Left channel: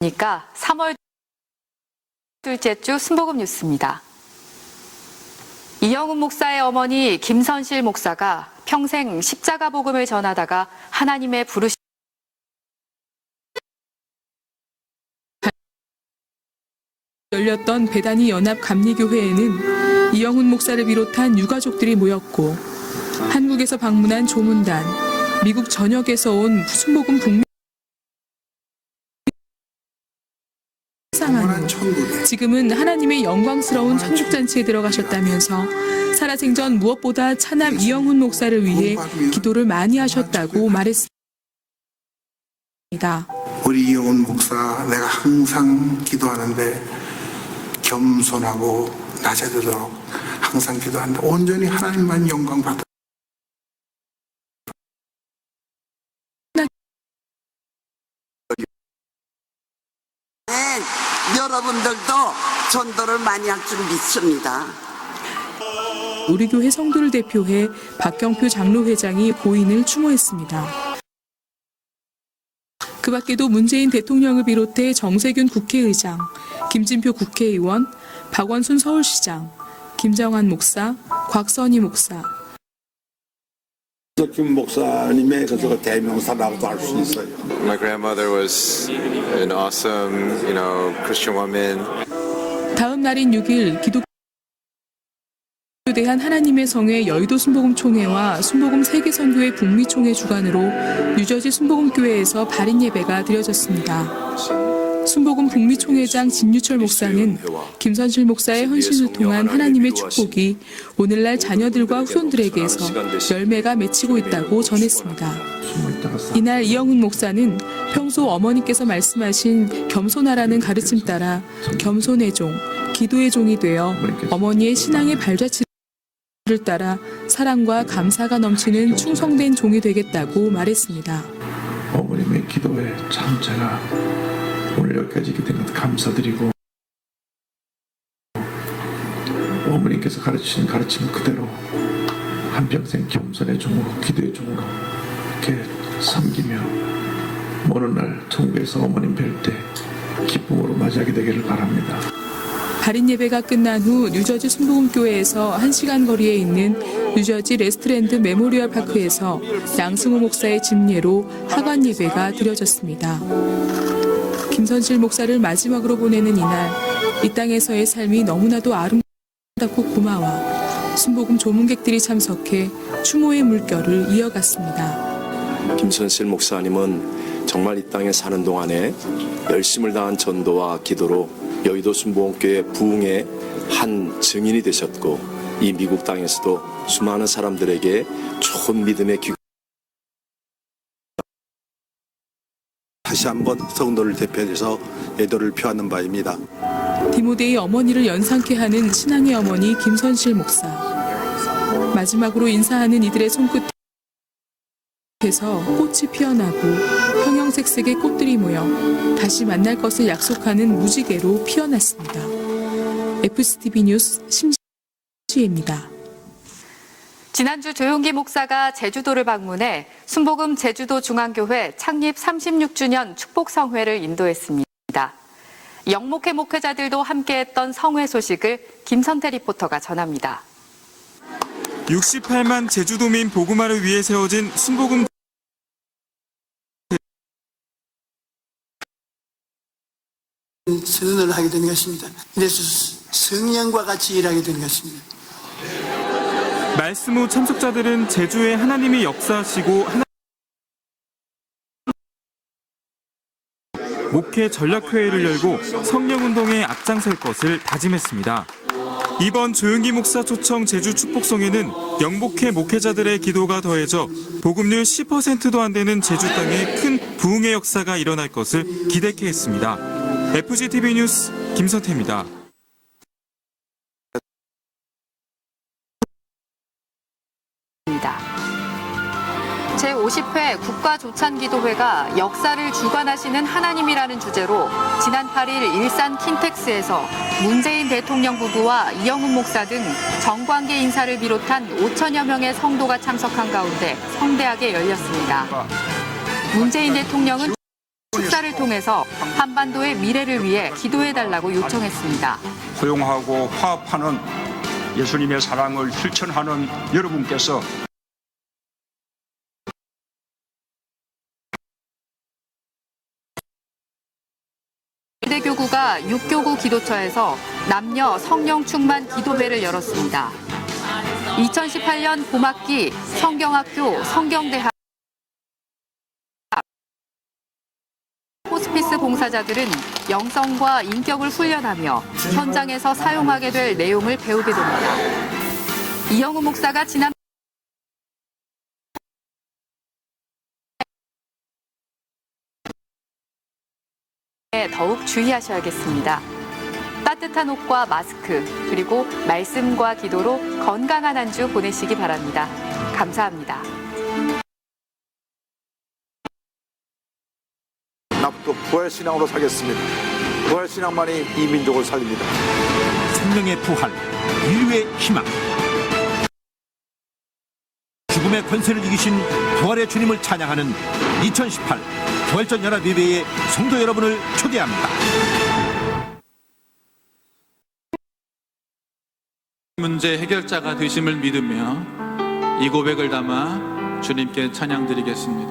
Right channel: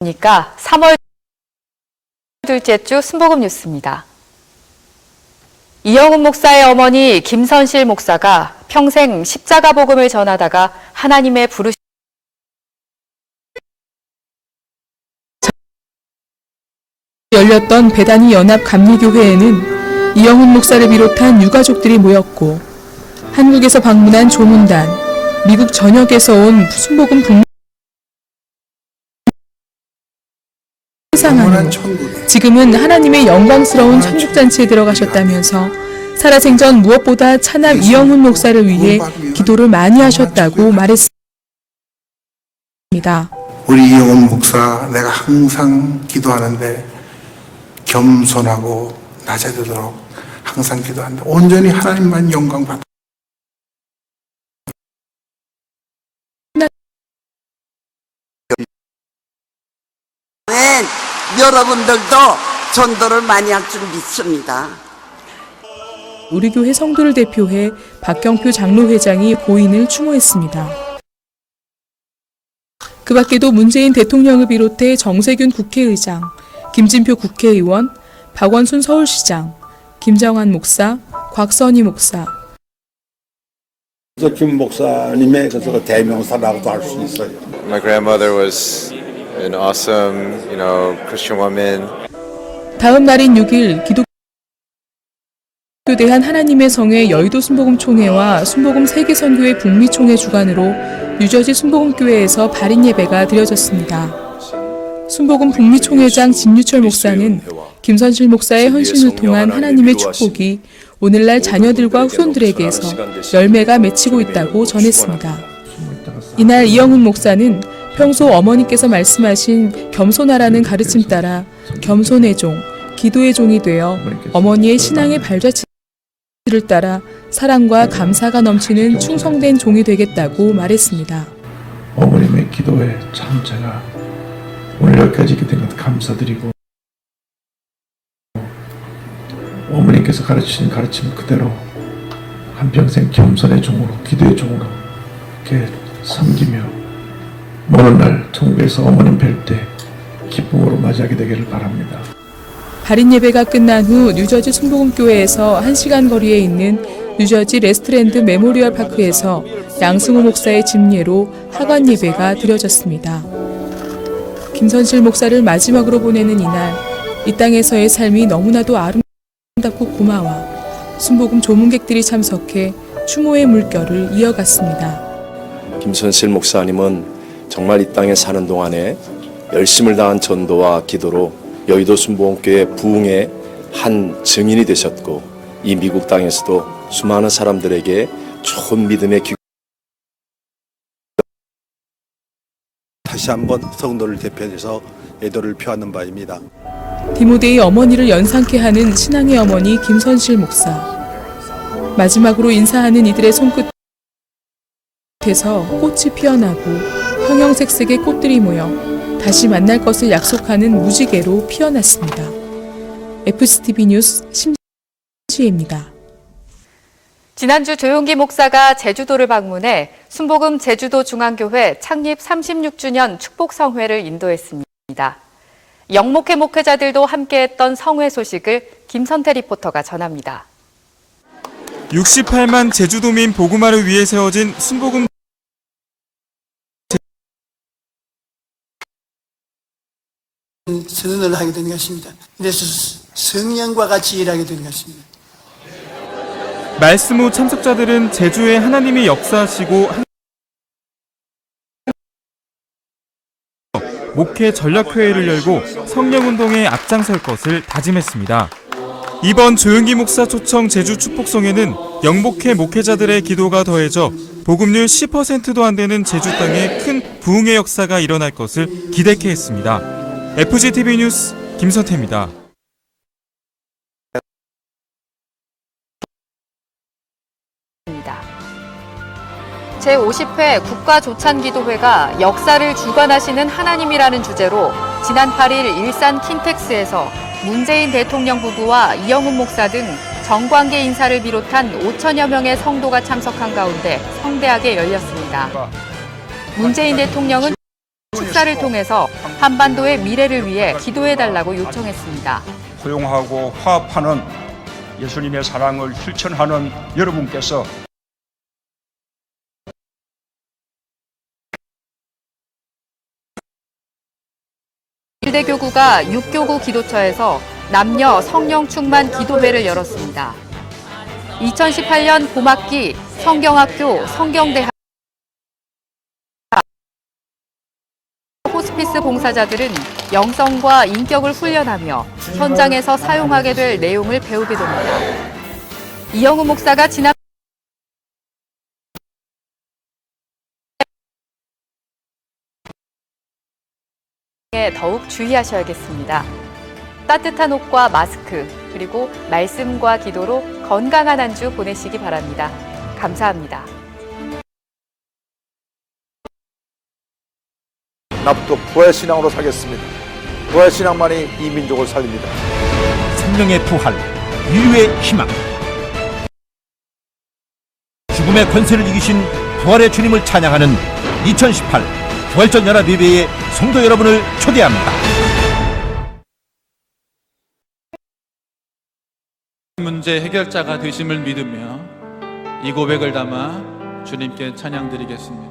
그러니까 3월 둘째 주 순복음 뉴스입니다. 이영훈 목사의 어머니 김선실 목사가 평생 십자가 복음을 전하다가 하나님의 부르심 열렸던 배단위 연합 감리교회에는 이영훈 목사를 비롯한 유가족들이 모였고, 한국에서 방문한 조문단, 미국 전역에서 온 순복음 북미 상하는 지금은 하나님의 영광스러운 천국잔치에 들어가셨다면서 살아생전 무엇보다 차남 이영훈 목사를 위해 기도를 많이 하셨다고 말했습니다. 우리 이영훈 목사, 내가 항상 기도하는데 겸손하고 낮아지도록 항상 기도하는데 온전히 하나님만 영광 받아. 여러분들도 전도를 많이 할 줄 믿습니다. 우리 교회 성도를 대표해 박경표 장로회장이 고인을 추모했습니다. 그 밖에도 문재인 대통령을 비롯해 정세균 국회의장, 김진표 국회의원, 박원순 서울시장, 김정환 목사, 곽선희 목사, 김 목사님의 그 대명사라고 할 수 있어요. My grandmother was an awesome, Christian woman. 다음 날인 6일 기독교대한 하나님의 성회 여의도 순복음총회와 순복음 세계선교회 북미총회 주관으로 뉴저지 순복음교회에서 발인 예배가 드려졌습니다. 순복음 북미총회장 진유철 목사는 김선실 목사의 헌신을 통한 하나님의 축복이 오늘날 자녀들과 후손들에게서 열매가 맺히고 있다고 전했습니다. 이날 이영훈 목사는 평소 어머니께서 말씀하신 겸손하라는 가르침 따라 겸손의 종, 기도의 종이 되어 어머니의 신앙의 발자취를 따라 사랑과 감사가 넘치는 충성된 종이 되겠다고 말했습니다. 어머님의 기도에 참 제가 오늘 여기까지 된 것 감사드리고, 어머니께서 가르치신 가르침 그대로 한평생 겸손의 종으로 기도의 종으로 이렇게 섬기며 오늘날 천국에서 어머님 뵐 때 기쁨으로 맞이하게 되기를 바랍니다. 발인 예배가 끝난 후 뉴저지 순복음교회에서 1시간 거리에 있는 뉴저지 레스트랜드 메모리얼 파크에서 양승호 목사의 집례로 하관 예배가 드려졌습니다. 김선실 목사를 마지막으로 보내는 이날, 이 땅에서의 삶이 너무나도 아름답고 고마워 순복음 조문객들이 참석해 추모의 물결을 이어갔습니다. 김선실 목사님은 정말 이 땅에 사는 동안에 열심을 다한 전도와 기도로 여의도 순복음교회 부흥의 한 증인이 되셨고, 이 미국 땅에서도 수많은 사람들에게 좋은 믿음의 다시 한번 성도를 대표해서 애도를 표하는 바입니다. 디모데의 어머니를 연상케 하는 신앙의 어머니 김선실 목사. 마지막으로 인사하는 이들의 손끝에서 꽃이 피어나고 형형색색의 꽃들이 모여 다시 만날 것을 약속하는 무지개로 피어났습니다. FCTV 뉴스 심지혜입니다. 지난주 조용기 목사가 제주도를 방문해 순복음 제주도 중앙교회 창립 36주년 축복성회를 인도했습니다. 영목회 목회자들도 함께했던 성회 소식을 김선태 리포터가 전합니다. 68만 제주도민 복음화를 위해 세워진 순복음 선언하게 된 것입니다. 이래서 성령과 같이 일하게 된 것입니다. 말씀 후 참석자들은 제주에 하나님이 역사하시고 목회 전략회의를 열고 성령운동에 앞장설 것을 다짐했습니다. 이번 조용기 목사 초청 제주 축복성회는 영목회 목회자들의 기도가 더해져 복음률 10%도 안 되는 제주 땅에 큰 부흥의 역사가 일어날 것을 기대케 했습니다. FGTV 뉴스 김선태입니다. 제50회 국가조찬기도회가 역사를 주관하시는 하나님이라는 주제로 지난 8일 일산 킨텍스에서 문재인 대통령 부부와 이영훈 목사 등 정관계 인사를 비롯한 5천여 명의 성도가 참석한 가운데 성대하게 열렸습니다. 문재인 대통령은 축사를 통해서 한반도의 미래를 위해 기도해달라고 요청했습니다. 포용하고 화합하는 예수님의 사랑을 실천하는 여러분께서 일대교구가 6교구 기도처에서 남녀 성령 충만 기도회를 열었습니다. 2018년 봄학기 성경학교 성경대학 호스피스 봉사자들은 영성과 인격을 훈련하며 현장에서 사용하게 될 내용을 배우게 됩니다. 이영우 목사가 지난 더욱 주의하셔야겠습니다. 따뜻한 옷과 마스크, 그리고 말씀과 기도로 건강한 한 주 보내시기 바랍니다. 감사합니다. 앞으로 부활 신앙으로 살겠습니다. 부활 신앙만이 이 민족을 살립니다. 생명의 부활, 인류의 희망. 죽음의 권세를 이기신 부활의 주님을 찬양하는 2018 부활절 연합예배에 성도 여러분을 초대합니다. 문제 해결자가 되심을 믿으며 이 고백을 담아 주님께 찬양드리겠습니다.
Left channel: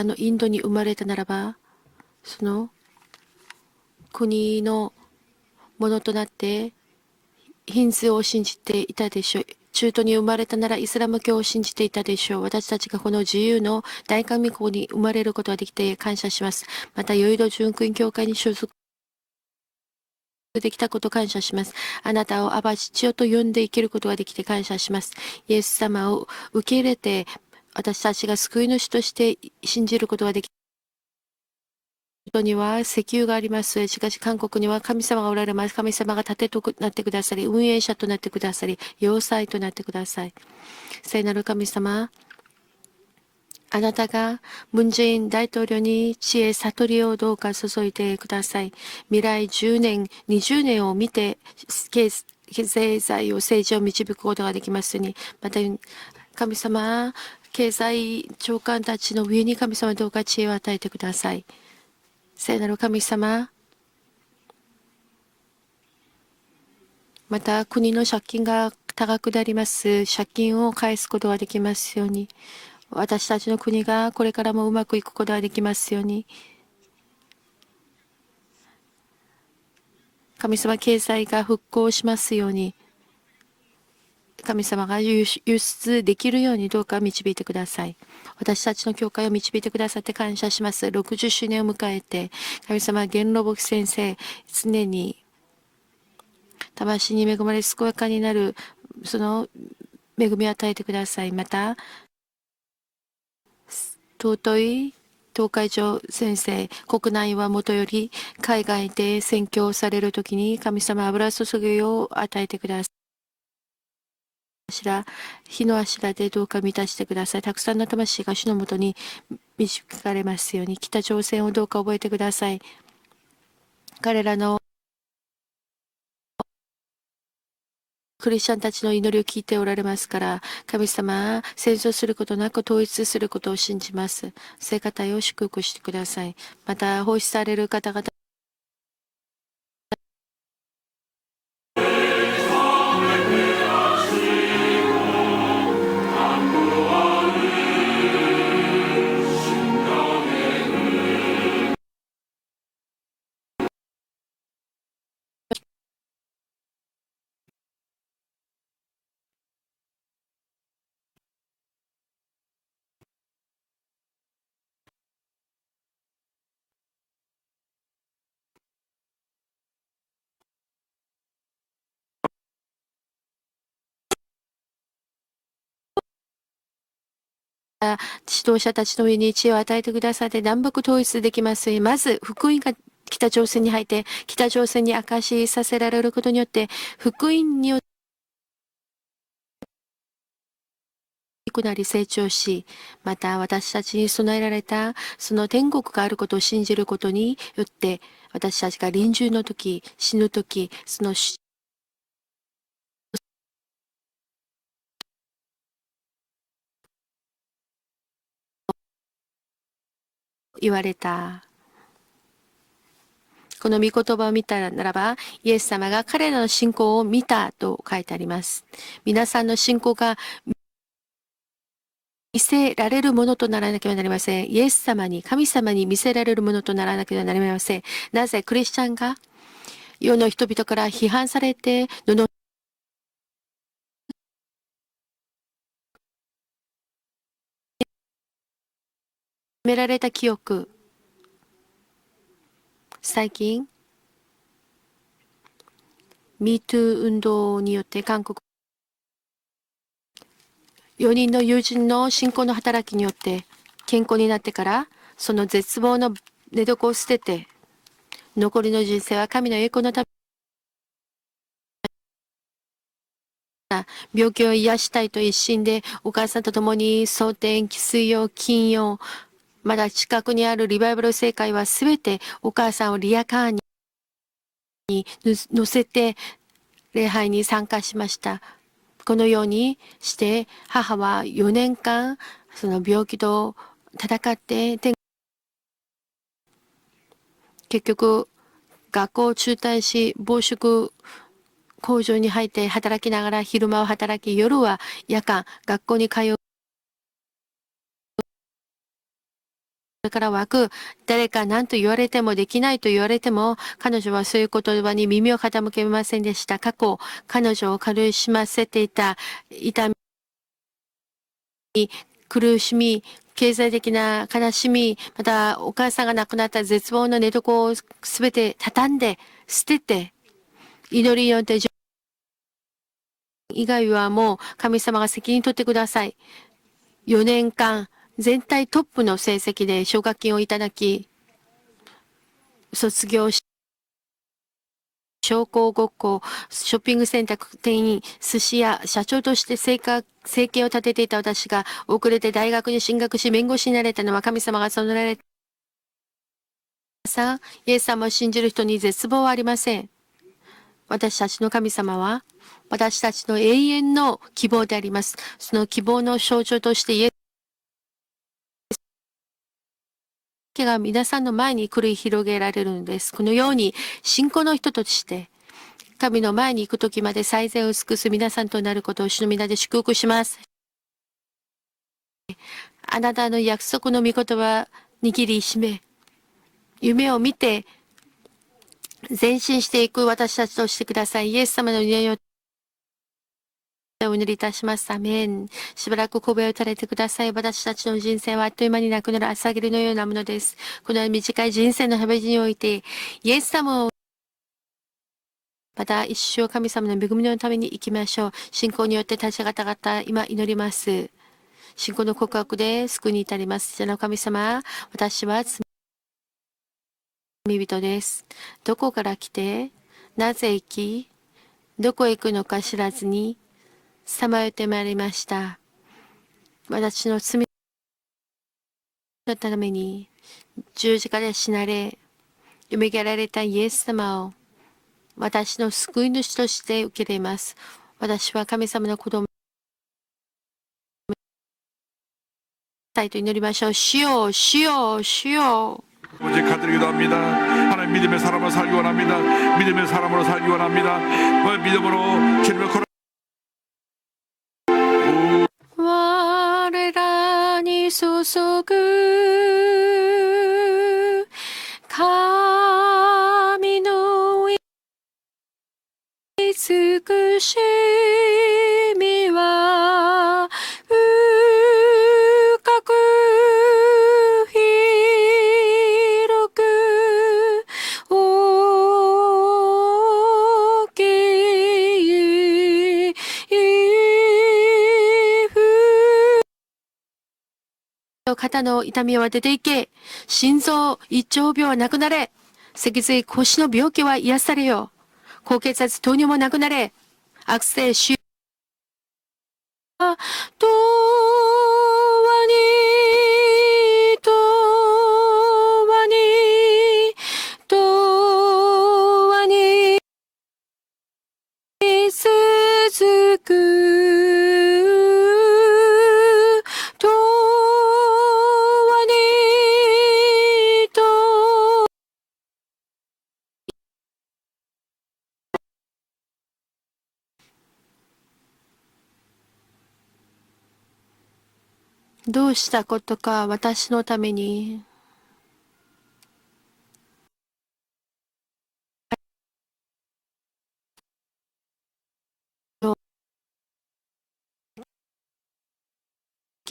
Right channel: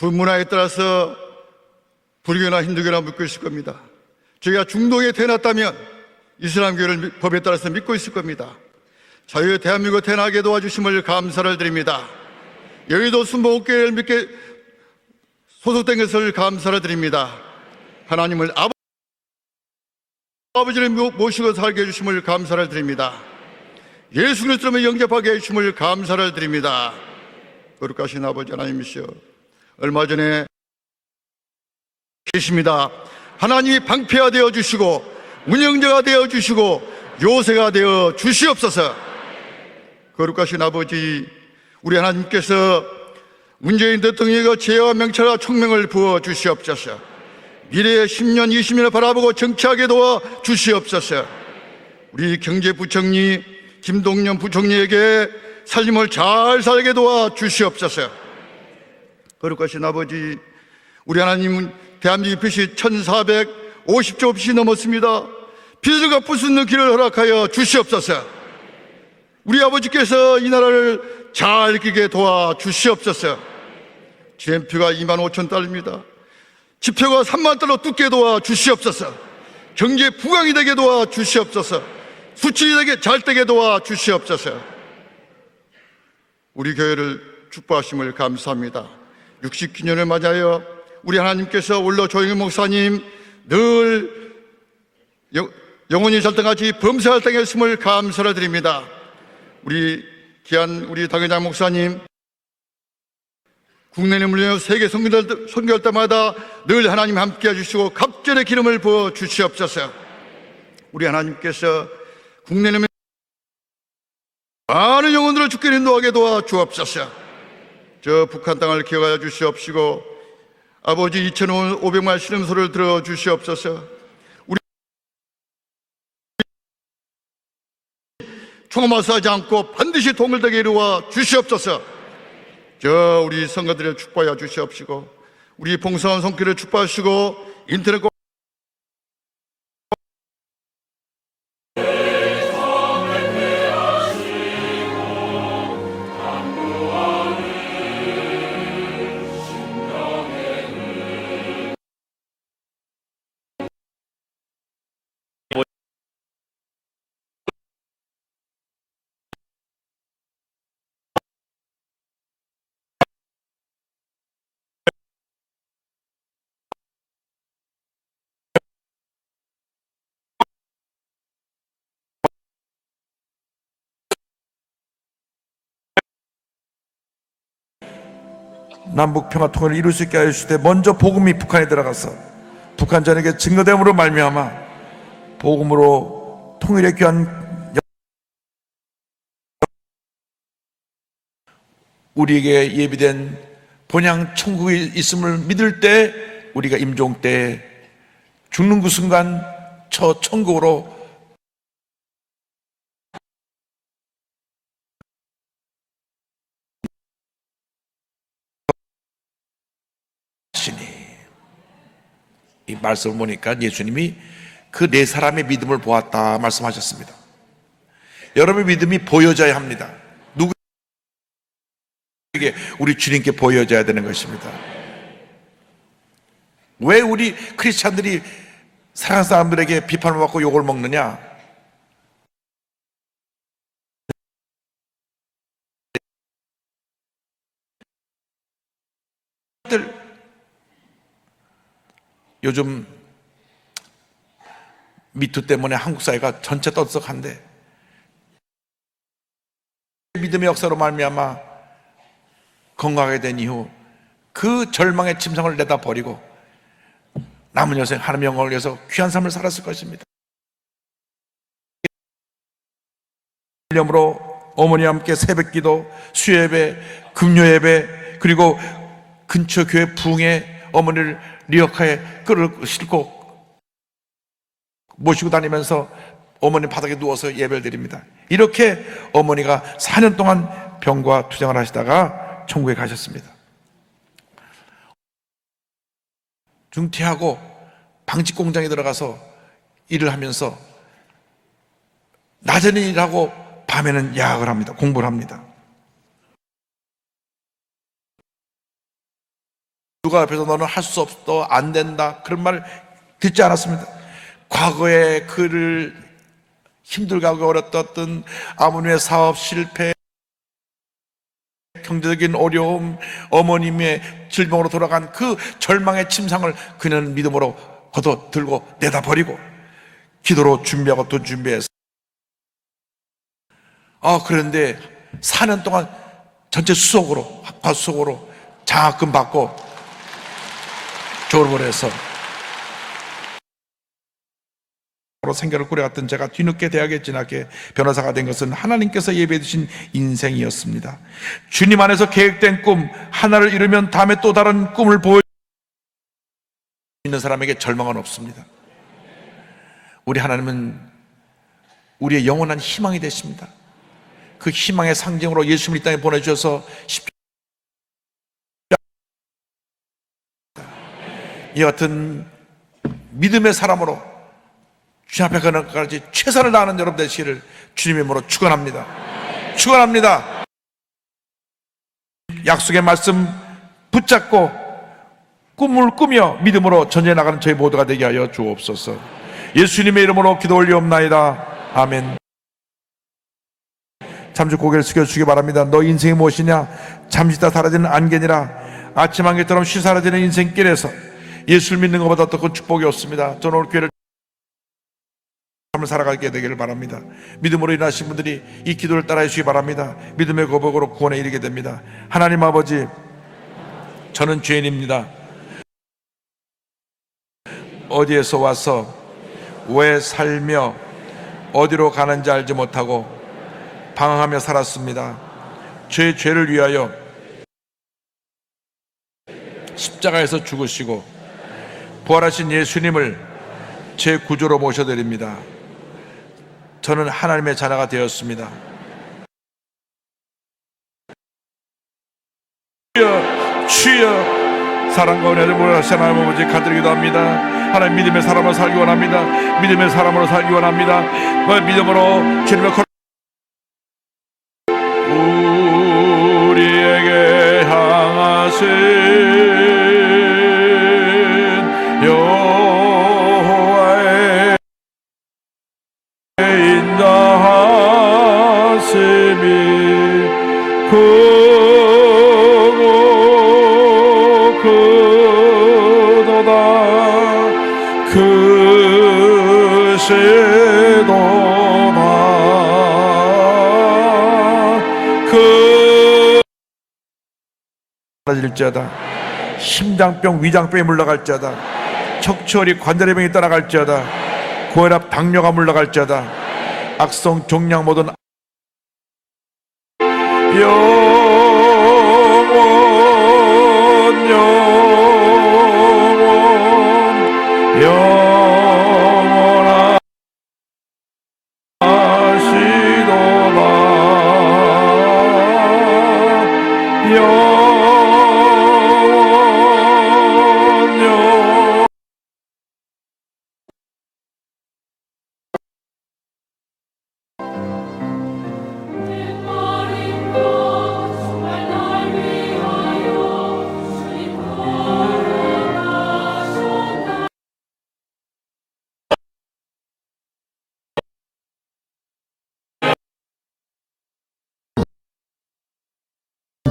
불문화에 따라서 불교나 힌두교나 믿고 있을 겁니다. 저희가 중동에 태어났다면 이슬람교를 법에 따라서 믿고 있을 겁니다. 자유 대한민국 태어나게 도와주심을 감사를 드립니다. 여의도 순복음교회를 믿게 소속된 것을 감사를 드립니다. 하나님을 아버지를 모시고 살게 해주심을 감사를 드립니다. 예수 그리스도를 영접하게 해주심을 감사를 드립니다. 거룩하신 아버지 하나님이시여, 얼마 전에 계십니다. 하나님이 방패가 되어 주시고 운영자가 되어 주시고 요새가 되어 주시옵소서. 거룩하신 아버지, 우리 하나님께서 문재인 대통령의 죄와 명철과 총명을 부어 주시옵소서. 미래의 10년, 20년을 바라보고 정치하게 도와 주시옵소서. 우리 경제부총리 김동연 부총리에게 삶을 잘 살게 도와 주시옵소서. 거룩하신 아버지, 우리 하나님은 대한민국 빚이 1,450조 빚이 넘었습니다. 빚을 갚을 수 있는 길을 허락하여 주시옵소서. 우리 아버지께서 이 나라를 잘 이기게 도와 주시옵소서. GNP가 25,000달러입니다. 지표가 3만 달러 뚫게 도와 주시옵소서. 경제 부강이 되게 도와 주시옵소서. 수출이 되게 잘 되게 도와 주시옵소서. 우리 교회를 축복하심을 감사합니다. 60주년을 맞이하여 우리 하나님께서 올로 조영희 목사님 늘 영혼이 살등하지 범사할 당했음을 감사를 드립니다. 우리 귀한 우리 당회장 목사님 국내에 물려온 세계 선교할 때마다 늘 하나님 함께 해주시고 갑절의 기름을 부어 주시옵소서. 우리 하나님께서 국내에 많은 영혼들을 죽게 인도하게 도와 주옵소서. 저 북한 땅을 기억하여 주시옵시고 아버지 2,500만 신음소를 들어 주시옵소서. 통마사하지 않고 반드시 도움을 되게 이루어 주시옵소서. 저 우리 성가들을 축복하여 주시옵시고 우리 봉사원 손길을 축복하시고 인터넷 남북 평화통일을 이룰 수 있게 하실 때 먼저 복음이 북한에 들어가서 북한전에게 증거됨으로 말미암아 복음으로 통일의 귀한 우리에게 예비된 본향 천국이 있음을 믿을 때 우리가 임종 때 죽는 그 순간 저 천국으로 이 말씀을 보니까 예수님이 그 네 사람의 믿음을 보았다 말씀하셨습니다. 여러분의 믿음이 보여져야 합니다. 누구에게 우리 주님께 보여져야 되는 것입니다. 왜 우리 크리스찬들이 사랑하는 사람들에게 비판을 받고 욕을 먹느냐? 요즘 미투 때문에 한국 사회가 전체 떠들썩한데 믿음의 역사로 말미암아 건강하게 된 이후 그 절망의 침상을 내다버리고 남은 여생 하나님의 영광을 위해서 귀한 삶을 살았을 것입니다. 기념으로 어머니와 함께 새벽기도, 수요예배, 금요예배 그리고 근처 교회 부흥에 어머니를 리어카에 끌고 싣고 모시고 다니면서 어머니 바닥에 누워서 예배를 드립니다. 이렇게 어머니가 4년 동안 병과 투쟁을 하시다가 천국에 가셨습니다. 중퇴하고 방직 공장에 들어가서 일을 하면서 낮에는 일하고 밤에는 야학을 합니다. 공부를 합니다. 누가 앞에서 너는 할 수 없어, 안 된다 그런 말 듣지 않았습니다. 과거에 그를 힘들게 하고 어렵던 아버님의 사업 실패, 경제적인 어려움, 어머님의 질병으로 돌아간 그 절망의 침상을 그는 믿음으로 걷어들고 내다버리고 기도로 준비하고 또 준비해서 그런데 4년 동안 전체 수속으로 다 수속으로 장학금 받고 졸업을 해서 생계를 꾸려왔던 제가 뒤늦게 대학에 진학해 변호사가 된 것은 하나님께서 예배해 주신 인생이었습니다. 주님 안에서 계획된 꿈 하나를 이루면 다음에 또 다른 꿈을 보여 믿는 사람에게 절망은 없습니다. 우리 하나님은 우리의 영원한 희망이 되십니다. 그 희망의 상징으로 예수님을 이 땅에 보내주셔서 이와 같은 믿음의 사람으로 주님 앞에 가는까지 최선을 다하는 여러분 되시기를 주님의 이름으로 축원합니다. 축원합니다. 약속의 말씀 붙잡고 꿈을 꾸며 믿음으로 전해나가는 저희 모두가 되게 하여 주옵소서. 예수님의 이름으로 기도 올리옵나이다. 아멘. 잠시 고개를 숙여주시기 바랍니다. 너 인생이 무엇이냐? 잠시 있다 사라지는 안개니라. 아침 안개처럼 쉬사라지는 인생길에서 예수를 믿는 것보다 더 큰 축복이 없습니다. 저는 오늘 교회를 살아가게 되기를 바랍니다. 믿음으로 일하신 분들이 이 기도를 따라해 주시기 바랍니다. 믿음의 고백으로 구원에 이르게 됩니다. 하나님 아버지, 저는 죄인입니다. 어디에서 와서 왜 살며 어디로 가는지 알지 못하고 방황하며 살았습니다. 제 죄를 위하여 십자가에서 죽으시고 부활하신 예수님을 제 구주로 모셔드립니다. 저는 하나님의 자녀가 되었습니다. 주여, 사랑과 은혜를 보여주신 하나님 아버지 가드리기도 합니다. 하나님 믿음의 사람으로 살기 원합니다. 믿음의 사람으로 살기 원합니다. 그 믿음으로 주님의 우리에게 향하신 여호와의 인자하심이 크도다. 심장병, 위장병이 물러갈지어다. 척추혈이 관절의 병이 떠나갈지어다. 고혈압, 당뇨가 물러갈지어다. 악성, 종양 모든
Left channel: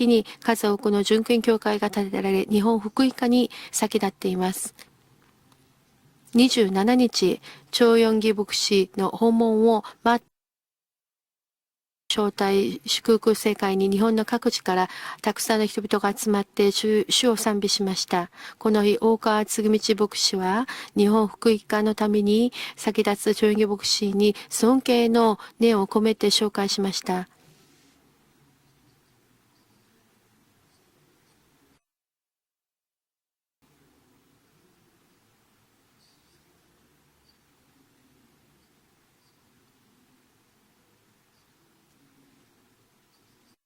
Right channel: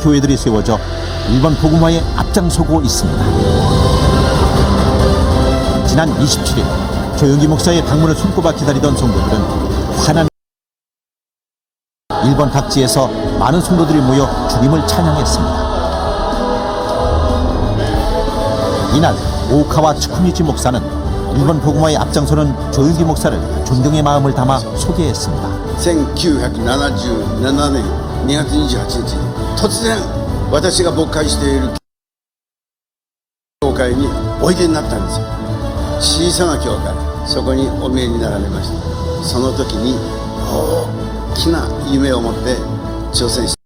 교회들이 세워져 일본 복음화에 앞장서고 있습니다. 지난 27일 최영기 목사의 방문을 손꼽아 기다리던 성도들은 환한 일본 각지에서 많은 성도들이 모여 주님을 찬양했습니다. 이날 오카와 츠쿠니지 목사는 일본 복음화에 앞장서는 조영기 목사를 존경의 마음을 담아 소개했습니다. 1977年2月28日突然私が牧会している教会においでになったんですよ。小さな教会、そこにお見えになられました。その時に大きな夢を持って挑戦して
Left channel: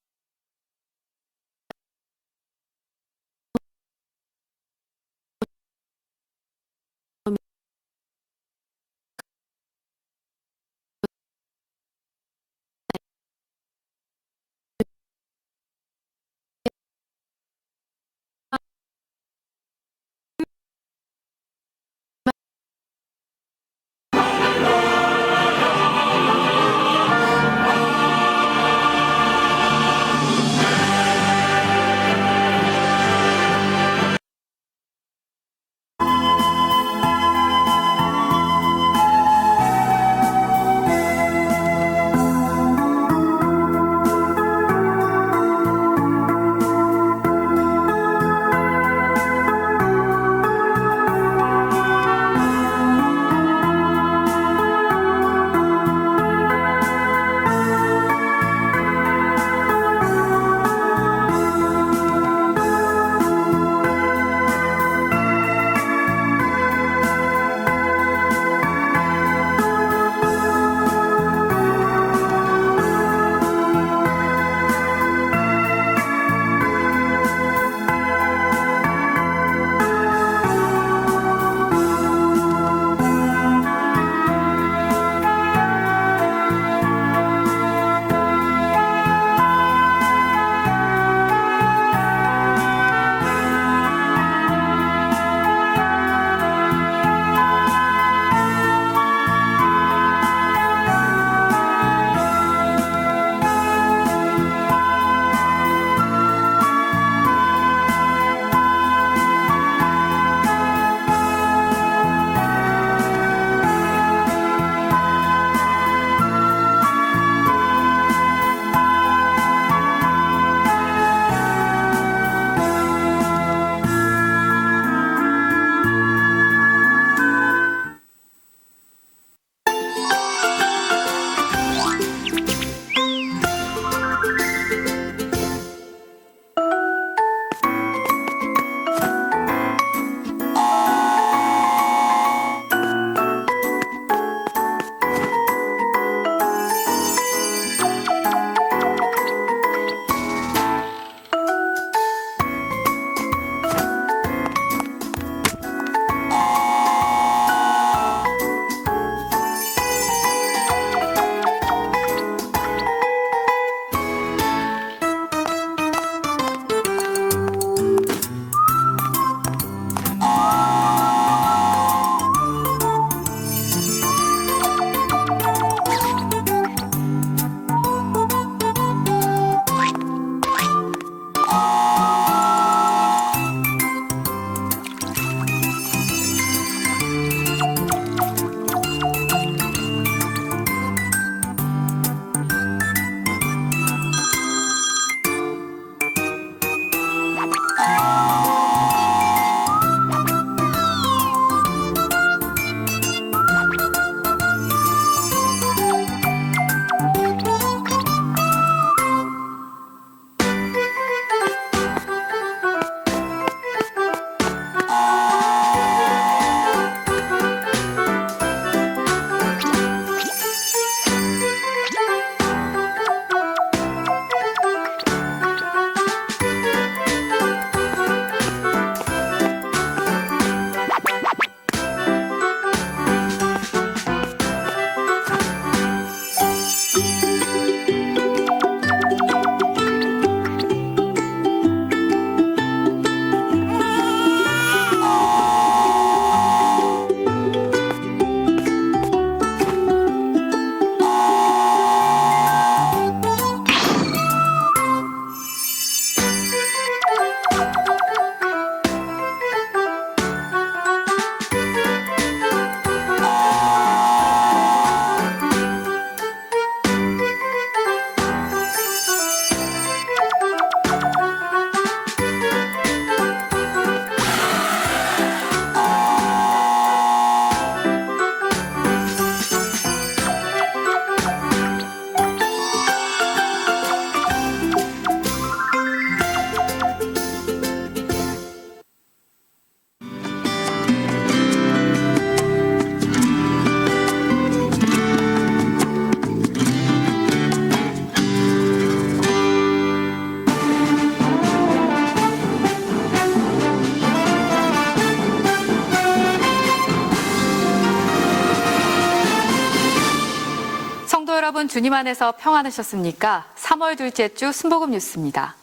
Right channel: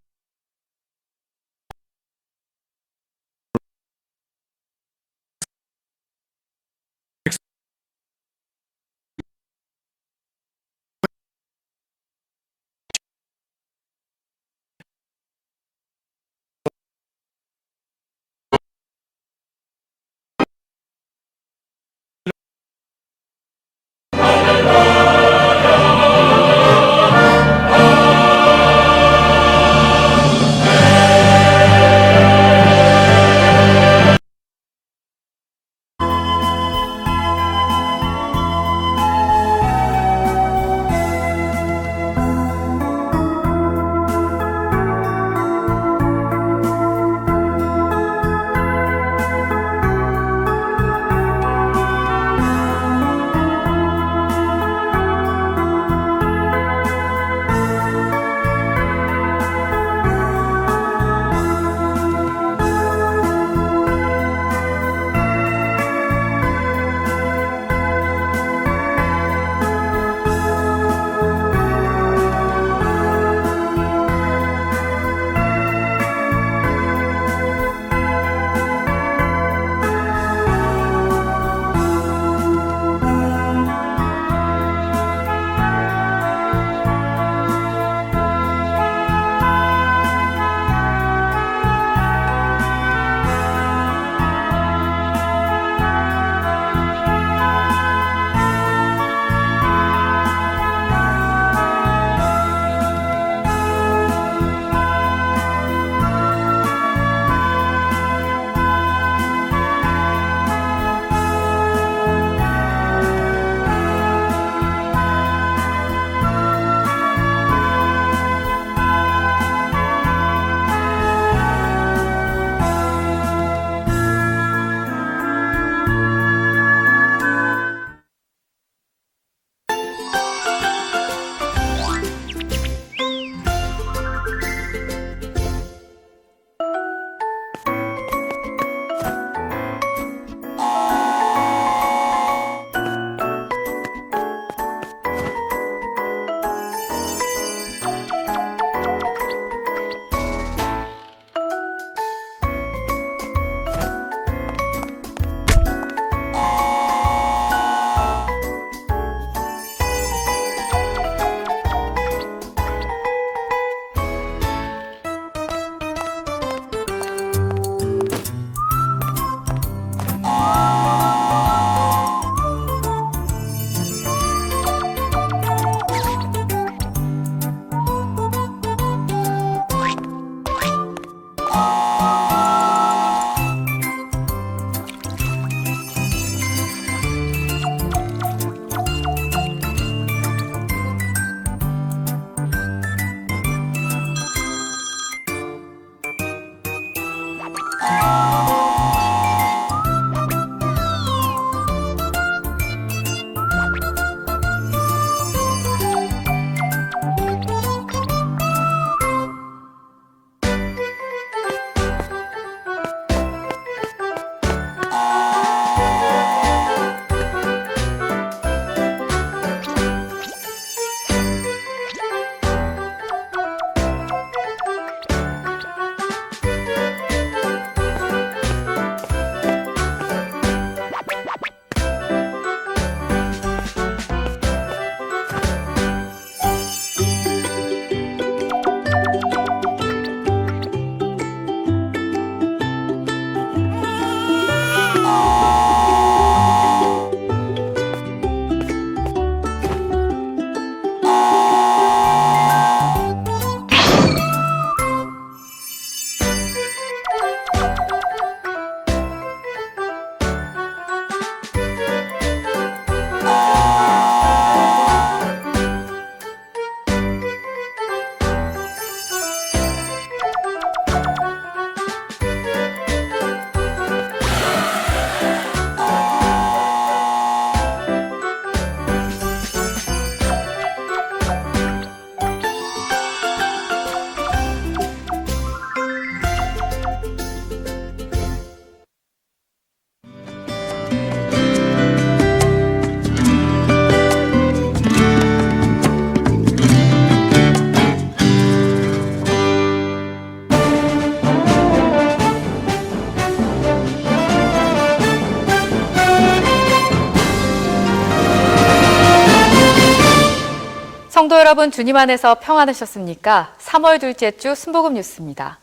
여러분 주님 안에서 평안하셨습니까? 3월 둘째 주 순복음 뉴스입니다.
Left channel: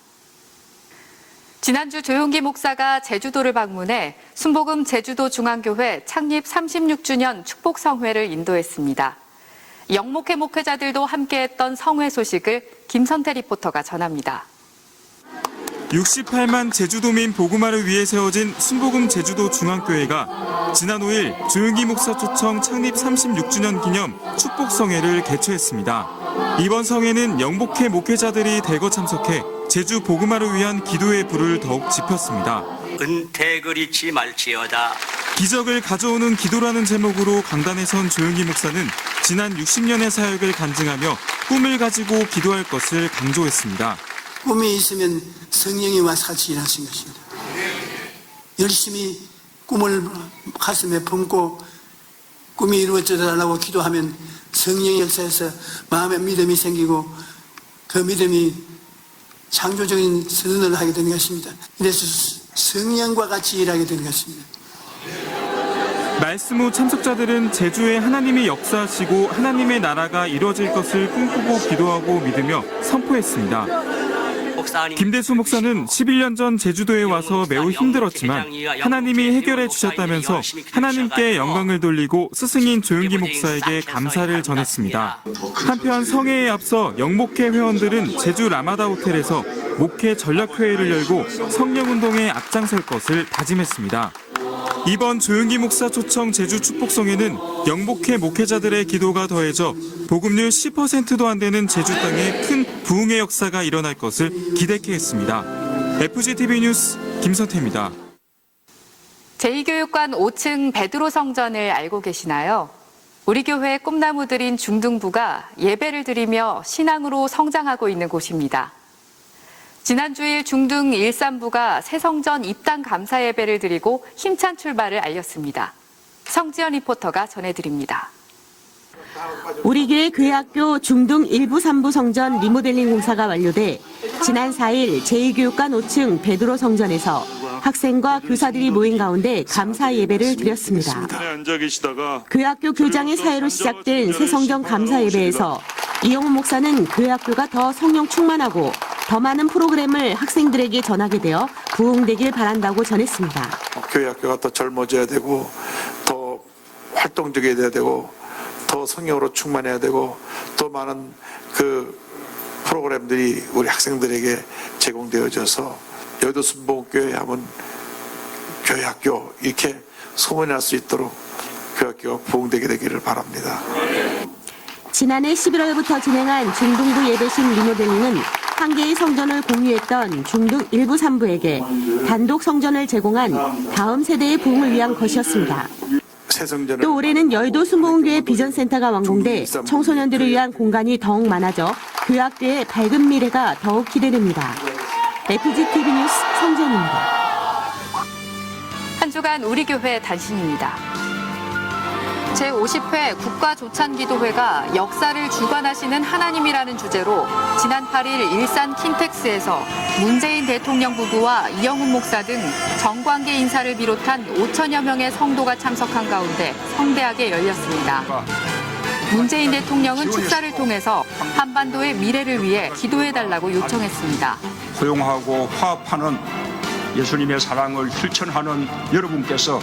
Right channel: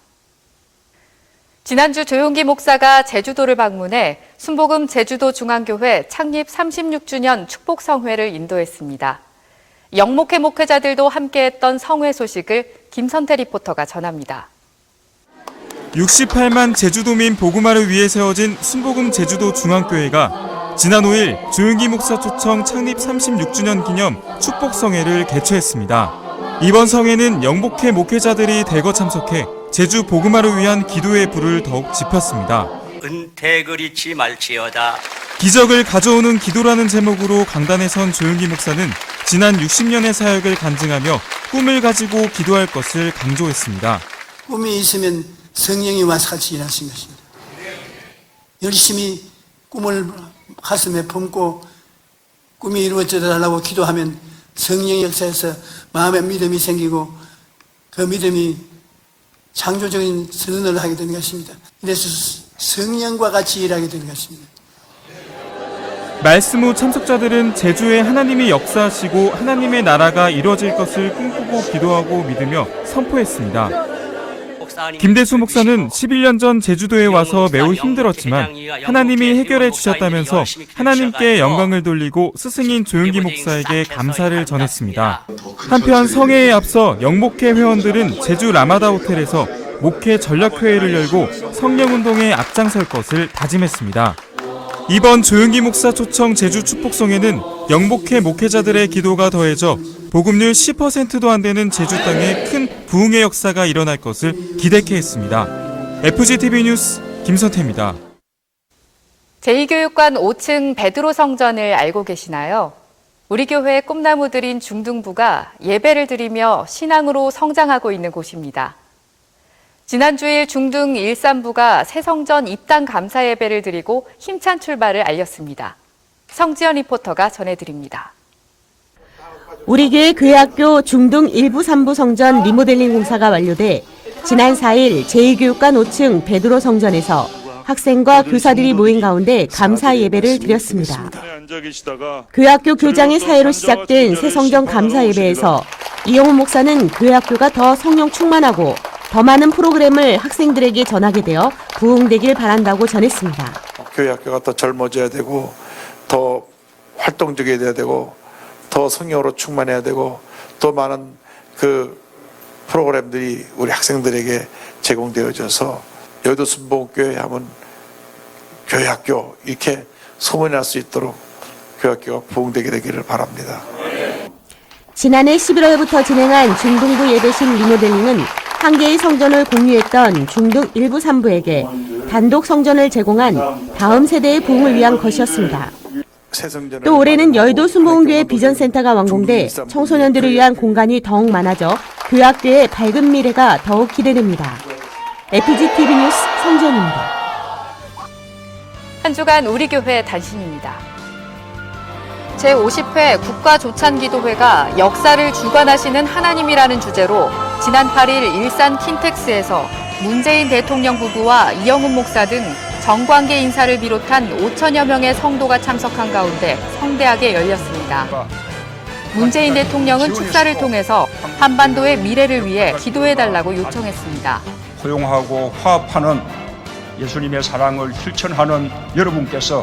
지난주 조용기 목사가 제주도를 방문해 순복음 제주도 중앙교회 창립 36주년 축복성회를 인도했습니다. 영목회 목회자들도 함께했던 성회 소식을 김선태 리포터가 전합니다. 68만 제주도민 복음화를 위해 세워진 순복음 제주도 중앙교회가 지난 5일 조용기 목사 초청 창립 36주년 기념 축복성회를 개최했습니다. 이번 성회는 영목회 목회자들이 대거 참석해 제주 복음화를 위한 기도의 불을 더욱 지폈습니다. 은택을 잊지 말지어다. 기적을 가져오는 기도라는 제목으로 강단에 선 조용기 목사는 지난 60년의 사역을 간증하며 꿈을 가지고 기도할 것을 강조했습니다. 꿈이 있으면 성령이 와서 같이 일하신 것입니다. 열심히 꿈을 가슴에 품고 꿈이 이루어져달라고 기도하면 성령이 역사해서 마음에 믿음이 생기고 그 믿음이 창조적인 선언을 하게 된 것입니다. 그래서 성령과 같이 일하게 된 것입니다. 말씀 후 참석자들은 제주에 하나님이 역사하시고 하나님의 나라가 이루어질 것을 꿈꾸고 기도하고 믿으며 선포했습니다. 김대수 목사는 11년 전 제주도에 와서 매우 힘들었지만 하나님이 해결해 주셨다면서 하나님께 영광을 돌리고 스승인 조용기 목사에게 감사를 전했습니다. 한편 성회에 앞서 영목회 회원들은 제주 라마다 호텔에서 목회 전략회의를 열고 성령운동에 앞장설 것을 다짐했습니다. 이번 조용기 목사 초청 제주 축복성회는 영목회 목회자들의 기도가 더해져 복음률 10%도 안 되는 제주 땅에 큰 부흥의 역사가 일어날 것을 기대케 했습니다. FGTV 뉴스 김선태입니다. 제2교육관 5층 베드로 성전을 알고 계시나요? 우리 교회 꿈나무들인 중등부가 예배를 드리며 신앙으로 성장하고 있는 곳입니다. 지난 주일 중등 1~3부가 새 성전 입당 감사 예배를 드리고 힘찬 출발을 알렸습니다. 성지연 리포터가 전해드립니다. 우리 교회 교회학교 중등 1부 3부 성전 리모델링 공사가 완료돼 지난 4일 제2교육관 5층 베드로 성전에서 학생과 교사들이 모인 가운데 감사 예배를 드렸습니다. 교회학교 교장의 사회로 시작된 새 성전 감사 예배에서 이영훈 목사는 교회학교가 더 성령 충만하고 더 많은 프로그램을 학생들에게 전하게 되어 부흥되길 바란다고 전했습니다. 교회학교가 더 젊어져야 되고 더 활동적이어야 되고 더 성령으로 충만해야 되고 더 많은 그 프로그램들이 우리 학생들에게 제공되어져서 여의도 순복음교회 하면 교회학교 이렇게 소문이 날 수 있도록 교회학교가 부흥되게 되기를 바랍니다. 지난해 11월부터 진행한 중등부 예배식 리모델링은 한 개의 성전을 공유했던 중등 1부 3부에게 단독 성전을 제공한 다음 세대의 부흥을 위한 것이었습니다. 또 올해는 여의도 순복음교회 비전센터가 완공돼 청소년들을 위한 공간이 더욱 많아져 교회학교의 밝은 미래가 더욱 기대됩니다. FGTV 뉴스 성지연입니다. 한 주간 우리 교회 단신입니다. 제50회 국가조찬기도회가 역사를 주관하시는 하나님이라는 주제로 지난 8일 일산 킨텍스에서 문재인 대통령 부부와 이영훈 목사 등 정관계 인사를 비롯한 5천여 명의 성도가 참석한 가운데 성대하게 열렸습니다. 문재인 대통령은 축사를 통해서 한반도의 미래를 위해 기도해달라고 요청했습니다. 포용하고 화합하는 예수님의 사랑을 실천하는 여러분께서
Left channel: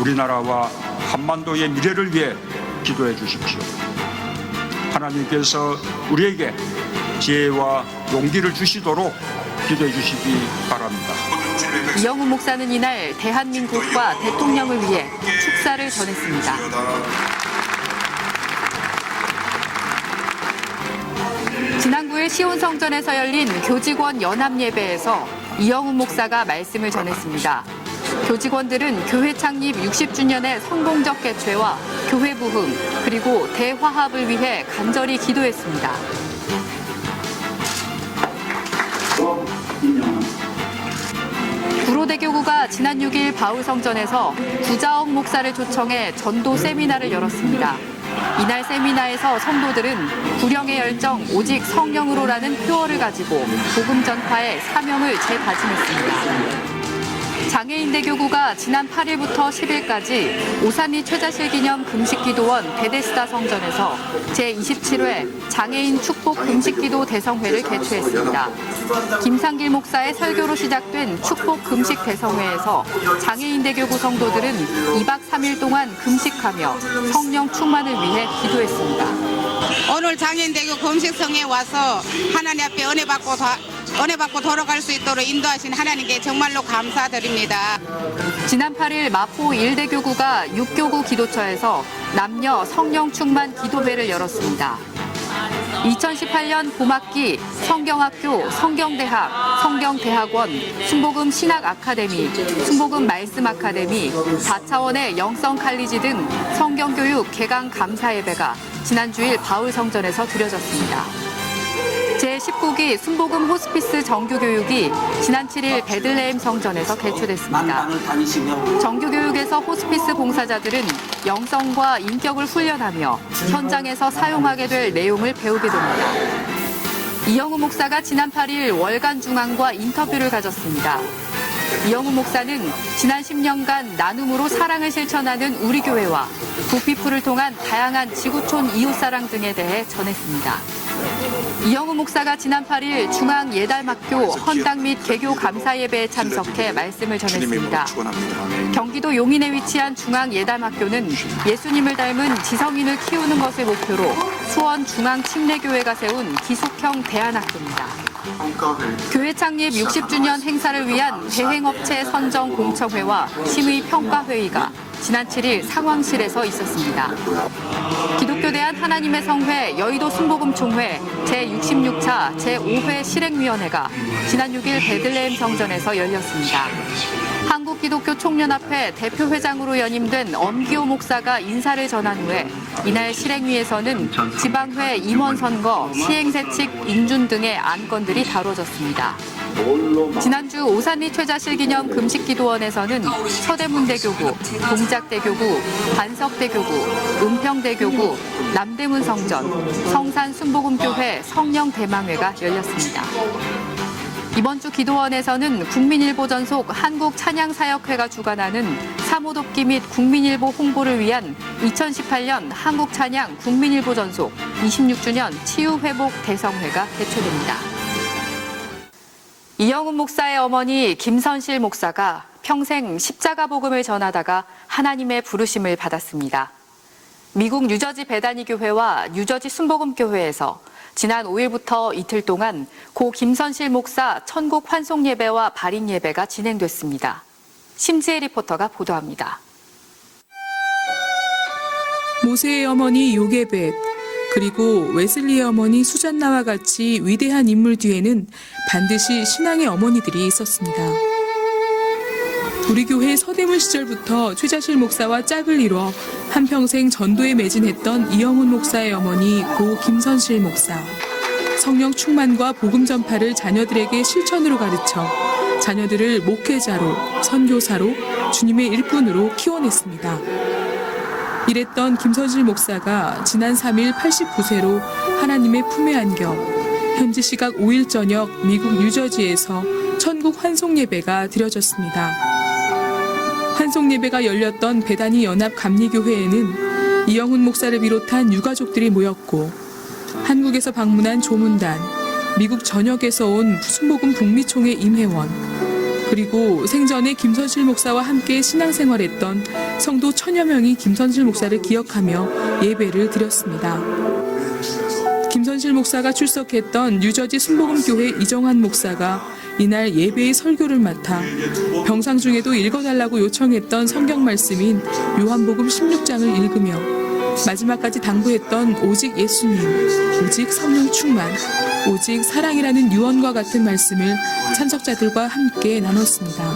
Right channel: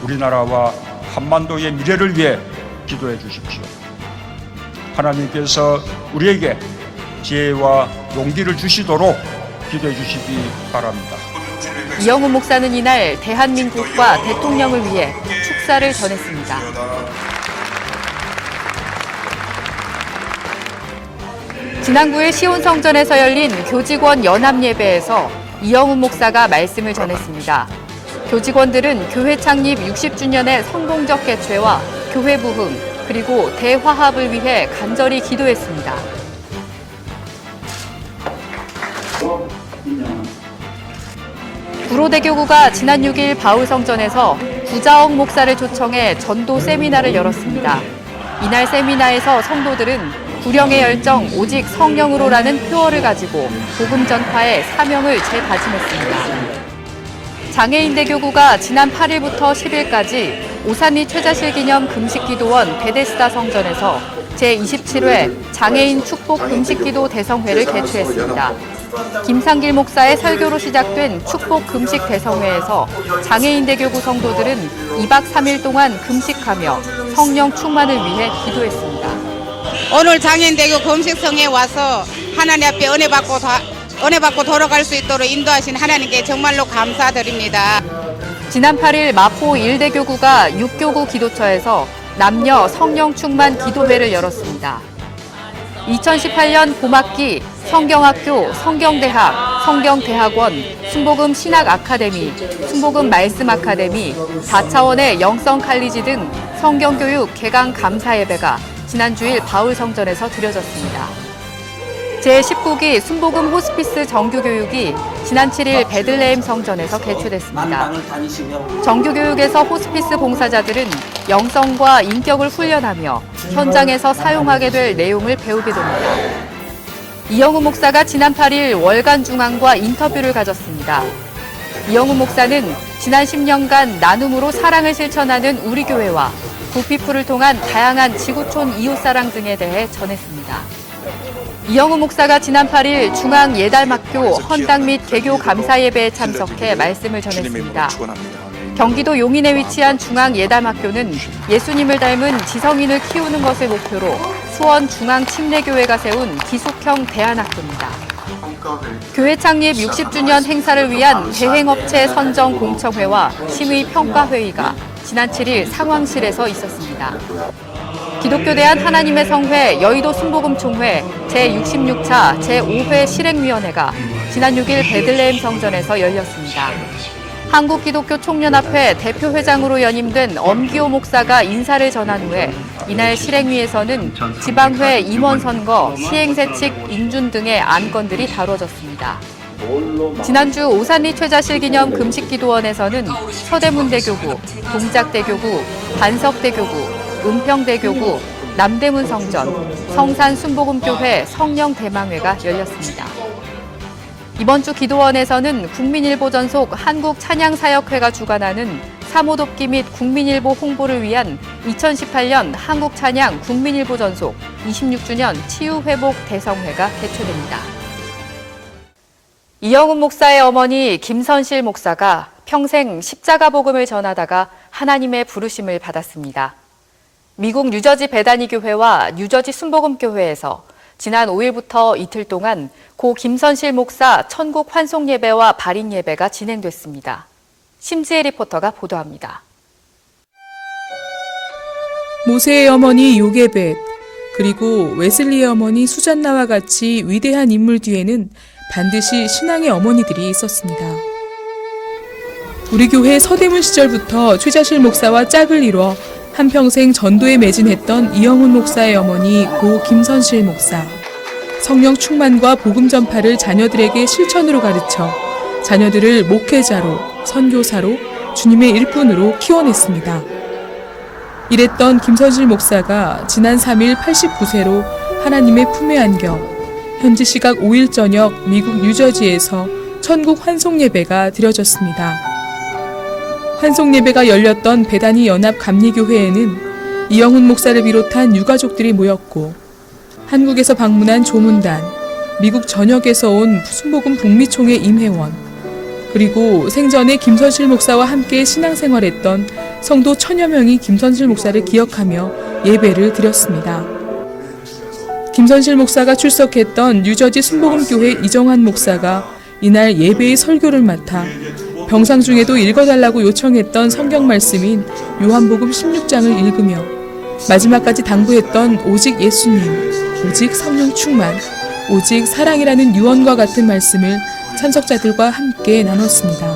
우리나라와 한반도의 미래를 위해 기도해 주십시오. 하나님께서 우리에게 지혜와 용기를 주시도록 기도해 주시기 바랍니다. 이영훈 목사는 이날 대한민국과 대통령을 위해 축사를 전했습니다. 지난 9일 시온성전에서 열린 교직원 연합예배에서 이영훈 목사가 말씀을 전했습니다. 교직원들은 교회 창립 60주년의 성공적 개최와 교회 부흥 그리고 대화합을 위해 간절히 기도했습니다. 구로대교구가 지난 6일 바울성전에서 구자옥 목사를 초청해 전도 세미나를 열었습니다. 이날 세미나에서 성도들은 구령의 열정 오직 성령으로라는 표어를 가지고 복음 전파의 사명을 재다짐했습니다. 장애인 대교구가 지난 8일부터 10일까지 오산리 최자실 기념 금식기도원 베데스다 성전에서 제27회 장애인 축복 금식기도 대성회를 개최했습니다. 김상길 목사의 설교로 시작된 축복 금식 대성회에서 장애인 대교구 성도들은 2박 3일 동안 금식하며 성령 충만을 위해 기도했습니다. 오늘 장애인대교 금식성에 와서 하나님 앞에 은혜 받고 돌아갈 수 있도록 인도하신 하나님께 정말로 감사드립니다. 지난 8일 마포 1대교구가 6교구 기도처에서 남녀 성령 충만 기도회를 열었습니다. 2018년 봄학기 성경학교, 성경대학, 성경대학원, 순복음 신학아카데미, 순복음 말씀아카데미, 4차원의 영성칼리지 등 성경교육 개강 감사예배가 지난 주일 바울성전에서 드려졌습니다. 제19기 순복음 호스피스 정규교육이 지난 7일 베들레헴 성전에서 개최됐습니다. 정규교육에서 호스피스 봉사자들은 영성과 인격을 훈련하며 현장에서 사용하게 될 내용을 배우게 됩니다. 이영우 목사가 지난 8일 월간 중앙과 인터뷰를 가졌습니다. 이영우 목사는 지난 10년간 나눔으로 사랑을 실천하는 우리 교회와 부피풀을 통한 다양한 지구촌 이웃사랑 등에 대해 전했습니다. 이영우 목사가 지난 8일 중앙예달학교 헌당 및 개교 감사예배에 참석해 말씀을 전했습니다. 경기도 용인에 위치한 중앙예담학교는 예수님을 닮은 지성인을 키우는 것을 목표로 수원 중앙침례교회가 세운 기숙형 대안학교입니다. 교회 창립 60주년 행사를 위한 대행업체 선정 공청회와 심의 평가회의가 지난 7일 사광실에서 있었습니다. 기독교대한 하나님의 성회 여의도 순복음총회 제66차 제5회 실행위원회가 지난 6일 베들레헴 성전에서 열렸습니다. 한국기독교총연합회 대표회장으로 연임된 엄기호 목사가 인사를 전한 후에 이날 실행위에서는 지방회 임원 선거, 시행세칙 인준 등의 안건들이 다뤄졌습니다. 지난주 오산리 최자실 기념 금식기도원에서는 서대문대교구, 동작대교구, 반석대교구, 은평대교구, 남대문 성전, 성산 순복음교회 성령대망회가 열렸습니다. 이번 주 기도원에서는 국민일보 전속 한국찬양사역회가 주관하는 사모돕기 및 국민일보 홍보를 위한 2018년 한국찬양 국민일보 전속 26주년 치유회복 대성회가 개최됩니다. 이영우 목사의 어머니 김선실 목사가 평생 십자가 복음을 전하다가 하나님의 부르심을 받았습니다. 미국 뉴저지 베다니 교회와 뉴저지 순복음교회에서 지난 5일부터 이틀 동안 고 김선실 목사 천국 환송 예배와 발인 예배가 진행됐습니다. 심지혜 리포터가 보도합니다. 모세의 어머니 요게벳, 그리고 웨슬리의 어머니 수잔나와 같이 위대한 인물 뒤에는 반드시 신앙의 어머니들이 있었습니다. 우리 교회 서대문 시절부터 최자실 목사와 짝을 이뤄 한평생 전도에 매진했던 이영훈 목사의 어머니 고 김선실 목사. 성령 충만과 복음 전파를 자녀들에게 실천으로 가르쳐 자녀들을 목회자로, 선교사로, 주님의 일꾼으로 키워냈습니다. 이랬던 김선실 목사가 지난 3일 89세로 하나님의 품에 안겨 현지 시각 5일 저녁 미국 뉴저지에서 천국 환송 예배가 드려졌습니다. 환송 예배가 열렸던 베다니 연합 감리교회에는 이영훈 목사를 비롯한 유가족들이 모였고 한국에서 방문한 조문단, 미국 전역에서 온 순복음 북미총회 임회원, 그리고 생전에 김선실 목사와 함께 신앙생활했던 성도 1000여 명이 김선실 목사를 기억하며 예배를 드렸습니다. 김선실 목사가 출석했던 뉴저지 순복음교회 이정환 목사가 이날 예배의 설교를 맡아 병상 중에도 읽어달라고 요청했던 성경 말씀인 요한복음 16장을 읽으며 마지막까지 당부했던 오직 예수님, 오직 성령 충만, 오직 사랑이라는 유언과 같은 말씀을 참석자들과 함께 나눴습니다.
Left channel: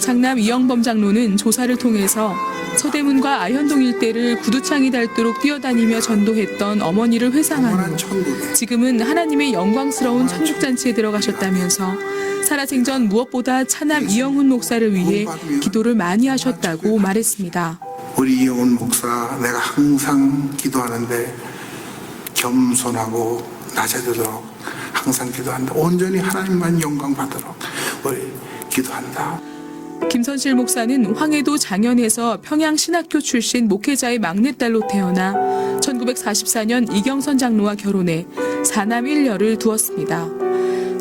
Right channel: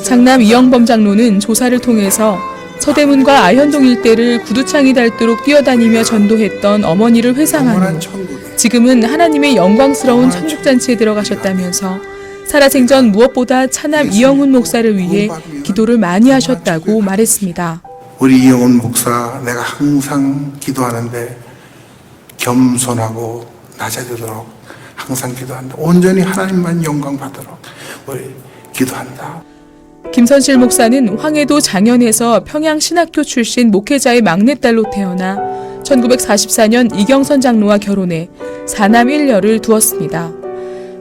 장남 이영범 장로는 조사를 통해서 서대문과 아현동 일대를 구두창이 닳도록 뛰어다니며 전도했던 어머니를 회상한 후 지금은 하나님의 영광스러운 천국잔치에 들어가셨다면서 살아생전 무엇보다 차남 이영훈 목사를 위해 기도를 많이 하셨다고 말했습니다. 우리 이영훈 목사 내가 항상 기도하는데 겸손하고 낮아지도록 항상 기도한다. 온전히 하나님만 영광 받도록 우리 기도한다. 김선실 목사는 황해도 장현에서 평양신학교 출신 목회자의 막내딸로 태어나 1944년 이경선 장로와 결혼해 4남 1녀를 두었습니다.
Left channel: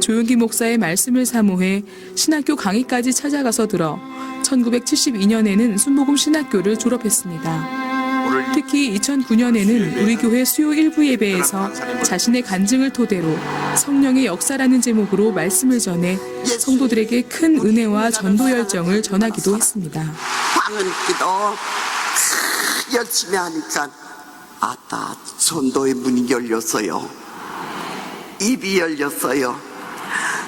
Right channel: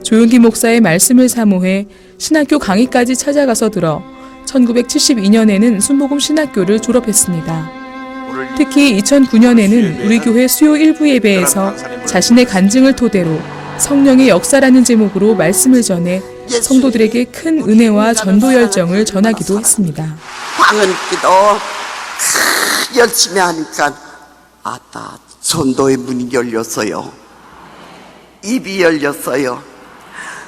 조용기 목사의 말씀을 사모해 신학교 강의까지 찾아가서 들어 1972년에는 순복음 신학교를 졸업했습니다. 특히 2009년에는 우리 교회 수요 일부 예배에서 자신의 간증을 토대로 성령의 역사라는 제목으로 말씀을 전해 성도들에게 큰 은혜와 전도 열정을 전하기도 했습니다. 많은 기도 열심히 하니까 다 전도의 문이 열렸어요. 입이 열렸어요.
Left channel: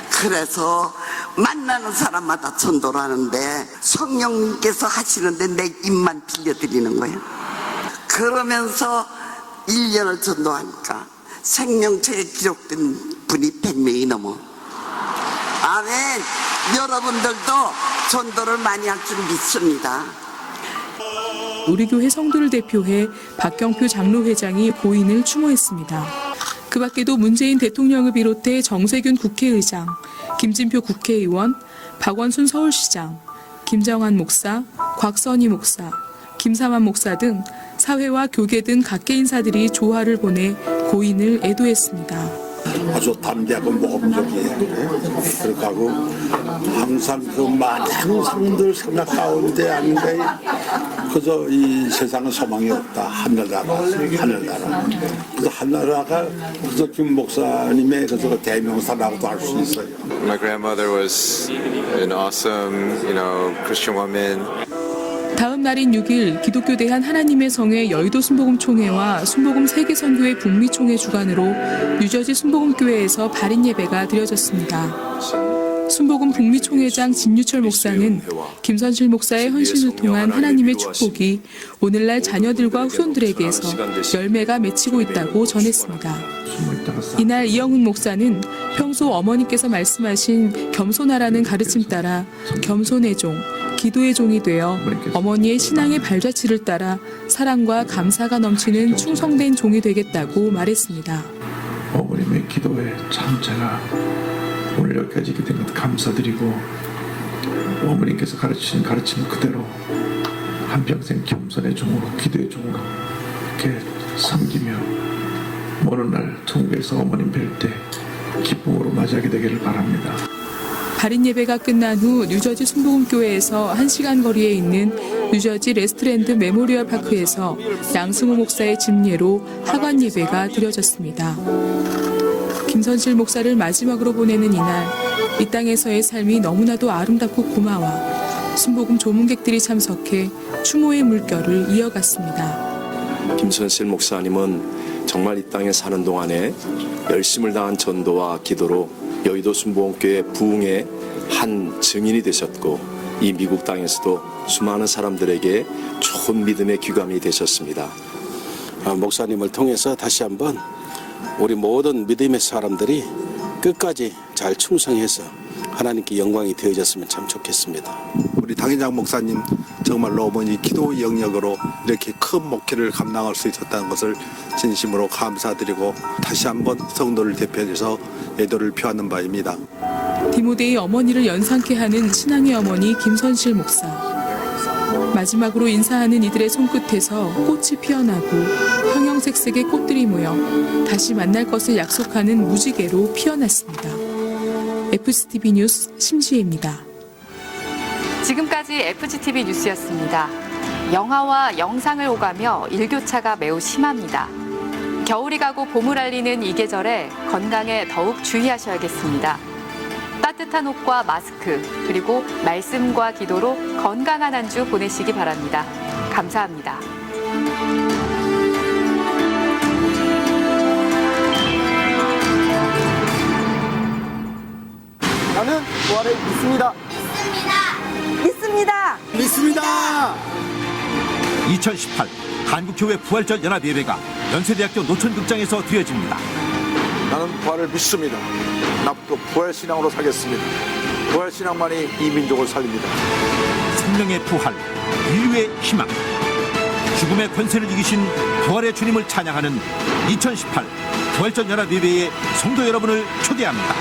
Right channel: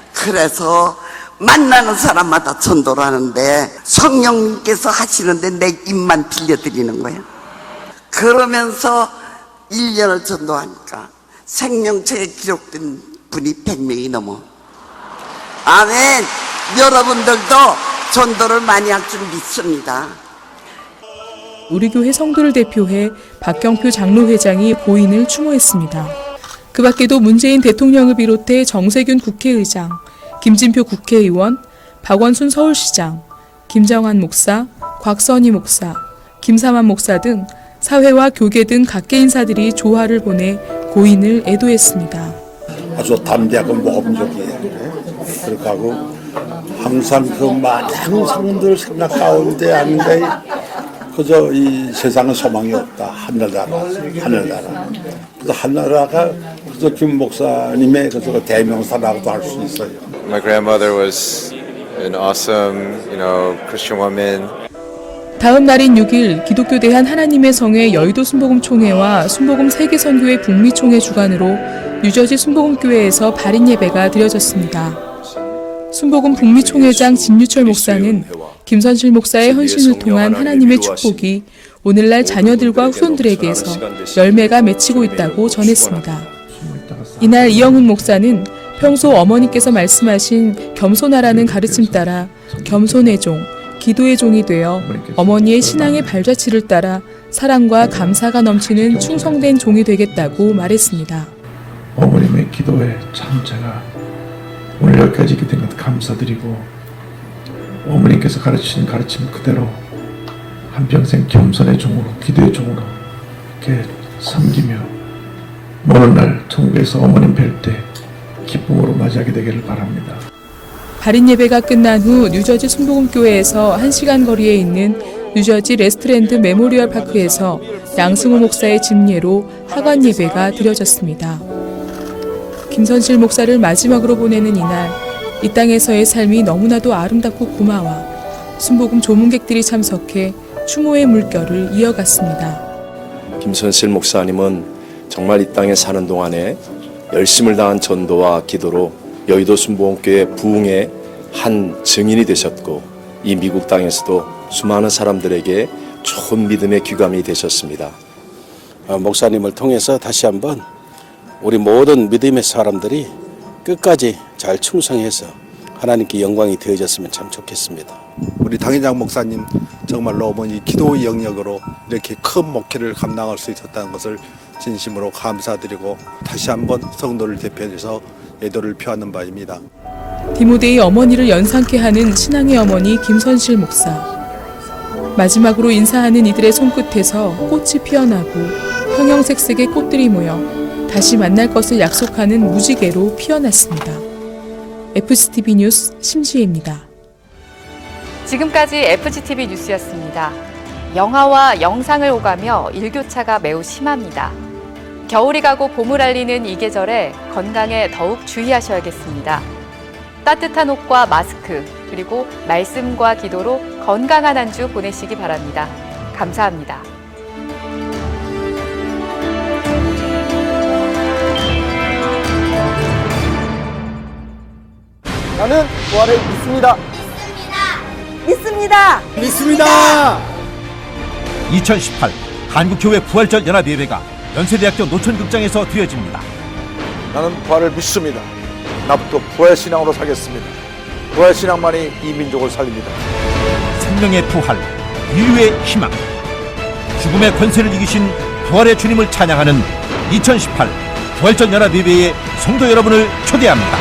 그래서 만나는 사람마다 전도를 하는데 성령님께서 하시는데 내 입만 들려드리는 거예요. 그러면서 1년을 전도하니까 생명체에 기록된 분이 100명이 넘어. 아멘. 여러분들도 전도를 많이 할 줄 믿습니다. 우리 교회 성도를 대표해 박경표 장로회장이 보인을 추모했습니다. 그 밖에도 문재인 대통령을 비롯해 정세균 국회의장, 김진표 국회의원, 박원순 서울시장, 김정환 목사, 곽선희 목사, 김삼환 목사 등 사회와 교계 등 각계 인사들이 조화를 보내 고인을 애도했습니다. 아주 담대하고 모험적이에요. 그렇게 하고 항상 그 많은 사람들을 생각하는데 아닌데 그저 이 세상에 소망이 없다. 하늘나라. 그래서 하늘나라가 그저 김 목사님의 그저 대명사라고 할 수 있어요. My grandmother was an awesome, Christian woman. 다음 날인 6일 기독교 대한 하나님의 성회 여의도 순복음 총회와 순복음 세계 선교회 북미 총회 주관으로 뉴저지 순복음교회에서 발인 예배가 드려졌습니다. 순복음 북미 총회장 진유철 목사는 김선실 목사의 헌신을 통한 하나님의 축복이 오늘날 자녀들과 후손들에게서 열매가 맺히고 있다고 전했습니다. 이날 이영훈 목사는 평소 어머니께서 말씀하신 겸손하라는 가르침 따라 겸손의 종, 기도의 종이 되어 어머니의 신앙의 발자취를 따라 사랑과 감사가 넘치는 충성된 종이 되겠다고 말했습니다. 어머님의 기도에 참 제가 오늘 여기까지 있게 된 것 감사드리고 어머니께서 가르친 가르침 그대로 한평생 겸손의 종으로 기도의 종으로 이렇게 섬기며 오는 날 천국에서 어머님 뵐 때 기쁨으로 맞이하게 되기를 바랍니다. 발인 예배가 끝난 후 뉴저지 순복음교회에서 1시간 거리에 있는 뉴저지 레스트랜드 메모리얼 파크에서 양승호 목사의 집례로 하관 예배가 드려졌습니다. 김선실 목사를 마지막으로 보내는 이날, 이 땅에서의 삶이 너무나도 아름답고 고마워 순복음 조문객들이 참석해 추모의 물결을 이어갔습니다. 김선실 목사님은 정말 이 땅에 사는 동안에 열심을 다한 전도와 기도로 여의도 순복음교회 부흥의 한 증인이 되셨고 이 미국 땅에서도 수많은 사람들에게 좋은 믿음의 귀감이 되셨습니다. 목사님을 통해서 다시 한번 우리 모든 믿음의 사람들이 끝까지 잘 충성해서 하나님께 영광이 되어졌으면 참 좋겠습니다. 우리 당회장 목사님 정말로 어머니 기도 영역으로 이렇게 큰 목회를 감당할 수 있었다는 것을 진심으로 감사드리고 다시 한번 성도를 대표해서 애도를 표하는 바입니다. 디모데의 어머니를 연상케 하는 신앙의 어머니 김선실 목사. 마지막으로 인사하는 이들의 손끝에서 꽃이 피어나고 형형색색의 꽃들이 모여 다시 만날 것을 약속하는 무지개로 피어났습니다. FCTV 뉴스 심지혜입니다. 지금까지 FCTV 뉴스였습니다. 영하와 영상을 오가며 일교차가 매우 심합니다. 겨울이 가고 봄을 알리는 이 계절에 건강에 더욱 주의하셔야겠습니다. 따뜻한 옷과 마스크, 그리고 말씀과 기도로 건강한 한 주 보내시기 바랍니다. 감사합니다. 나는 부활을 믿습니다. 믿습니다. 2018 한국교회 부활절 연합예배가 연세대학교 노천극장에서 드려집니다. 나는 부활을 믿습니다. 앞으로 부활 신앙으로 살겠습니다. 부활 신앙만이 이 민족을 살립니다. 생명의 부활, 인류의 희망, 죽음의 권세를 이기신 부활의 주님을 찬양하는 2018 부활절 연합예배에 성도 여러분을 초대합니다.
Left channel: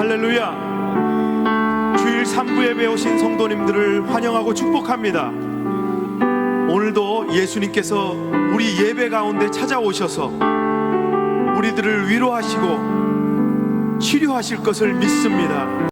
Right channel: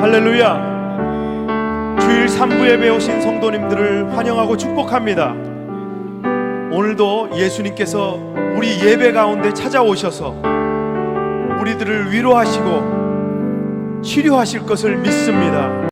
할렐루야. 주일 3부에 배우신 성도님들을 환영하고 축복합니다. 오늘도 예수님께서 우리 예배 가운데 찾아오셔서 우리들을 위로하시고 치료하실 것을 믿습니다.